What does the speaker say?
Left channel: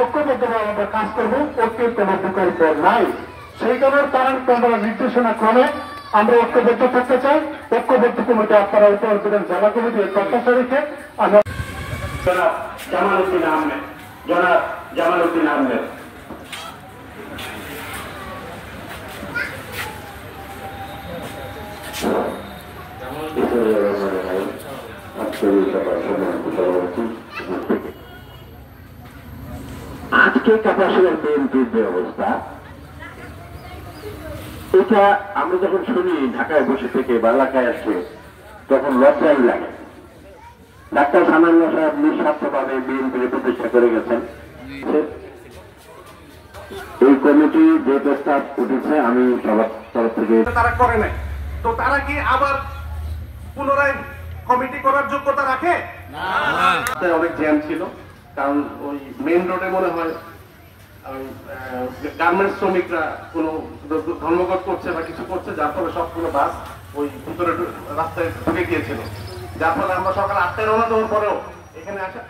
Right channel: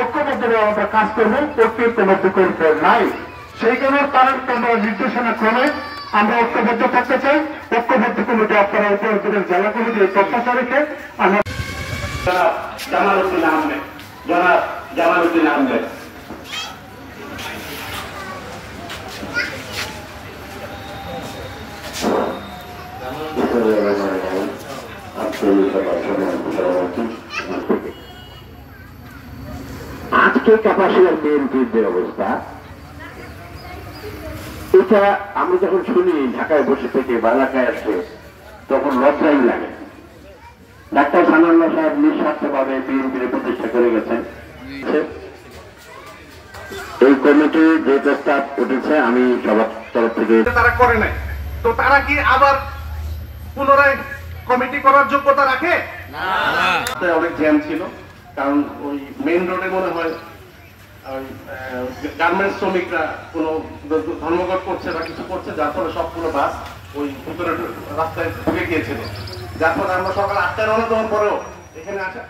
ঐক্যবদ্ধভাবে কাজ করবো, ঐক্যবদ্ধ করতে নাই। সেই কারণে তারা নির্দেশনা ক্রমে আমরা ঐক্যবদ্ধ করতে চাই। ঐক্যবদ্ধ কমিটি আপনারা উত্তর জেলা কমিটির প্রত্যাশা রেখে আমরা জনাব জামালউদ্দিন আহমেদ আজকে কাপাসিয়ার বিএনপির যে অবস্থা, এটা আমরা যখন শুনি ঢাকায় বসে থেকে বা এলাকায় আসছে তখন লজ্জাই লাগে। ডাক্তার সানাউল্লাহ সাহেব নিঃস্বার্থভাবে বিএনপির প্রতিষ্ঠা করে গেছেন। এই কমিটি যে প্রস্তাব উঠেছে আমি সবার তরফ থেকে তারা করে নাই, তো তারা কি আবার পুনরায় কমিটি করার যোগ্যতা রাখে? অনেক জ্যাম ছিল, কারণ ওই মেইন রোডে মনে হয় গার্মেন্টস শ্রমিকরা কোনো ধর্মঘট করছে বা কিছু করছে, যার ফলে সবগুলো বাস ওই ভিতরে রাস্তায় ঢুকে গিয়েছিল, যার ফলে আমরা সকাল 8টায় রওনা দেওয়ার পরেও এখানে আসা